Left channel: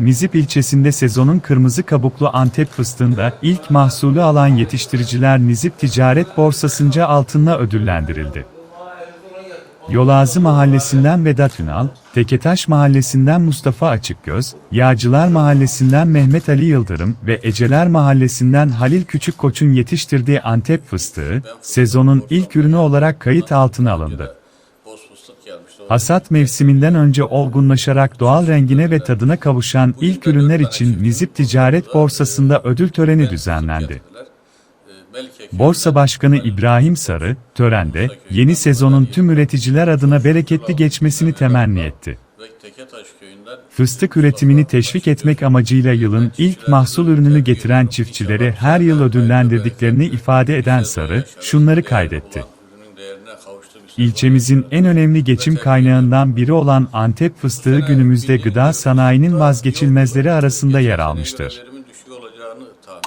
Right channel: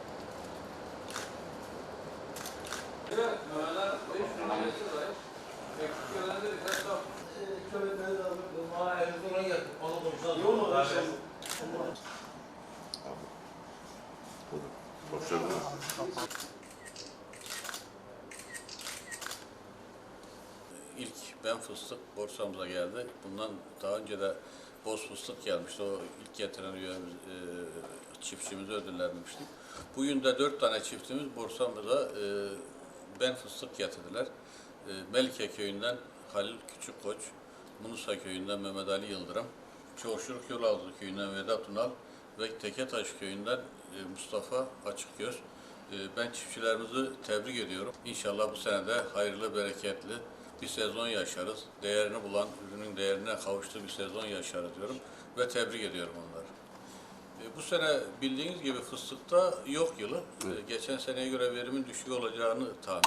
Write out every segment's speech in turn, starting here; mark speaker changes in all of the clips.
Speaker 1: Nizip ilçesinde sezonun kırmızı kabuklu Antep fıstığında ilk mahsulü alan yetiştiriciler Nizip Ticaret Borsası'nca altınla ödüllendirildi. Yolazı Mahallesi'nden Vedat Ünal, Teketaş Mahallesi'nden Mustafa Açıkgöz, Yağcılar Mahallesi'nden Mehmet Ali Yıldırım ve Eceler Mahallesi'nden Halil Küçükkoç'un yetiştirdiği Antep fıstığı, sezonun ilk ürünü olarak kayıt altına alındı. Hasat mevsiminden önce olgunlaşarak doğal rengine ve tadına kavuşan ilk ürünler için Nizip Ticaret Borsası'nda ödül töreni düzenlendi.
Speaker 2: Ee,
Speaker 1: Borsa Başkanı İbrahim Sarı, törende yeni sezonun tüm üreticiler adına bereketli geçmesini temenni etti.
Speaker 2: Köyünden
Speaker 1: Fıstık üretimini teşvik etmek amacıyla yılın ilk mahsul ürününü getiren çiftçileri her yıl ödüllendirdiklerini ifade eden
Speaker 2: sezon
Speaker 1: Sarı, şunları kaydetti. İlçemizin en önemli geçim kaynağından biri olan Antep fıstığı günümüzde gıda sanayinin vazgeçilmezleri arasında yer almıştır.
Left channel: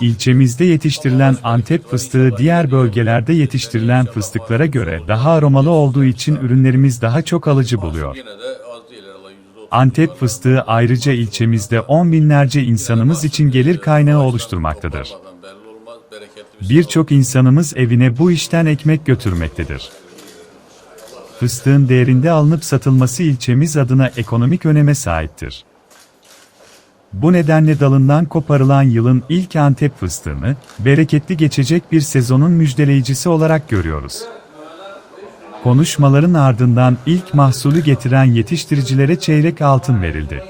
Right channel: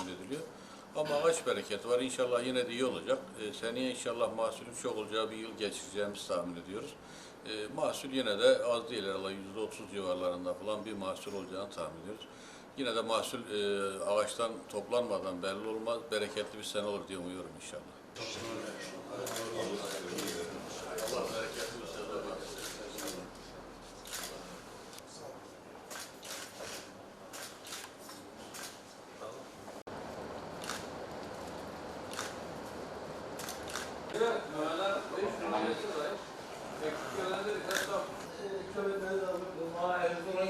Speaker 1: İlçemizde yetiştirilen Antep fıstığı diğer bölgelerde yetiştirilen fıstıklara göre daha aromalı olduğu için ürünlerimiz daha çok alıcı buluyor.
Speaker 2: Yine de az değil herhalde, %30
Speaker 1: Antep fıstığı ayrıca ilçemizde on binlerce insanımız için gelir
Speaker 2: e,
Speaker 1: kaynağı oluşturmaktadır.
Speaker 2: bir
Speaker 1: Birçok insanımız evine bu işten ekmek götürmektedir fıstığın değerinde alınıp satılması ilçemiz adına ekonomik öneme sahiptir. Bu nedenle dalından koparılan yılın ilk Antep fıstığını, bereketli geçecek bir sezonun müjdeleyicisi olarak görüyoruz. Konuşmaların ardından ilk mahsulü getiren yetiştiricilere çeyrek altın verildi.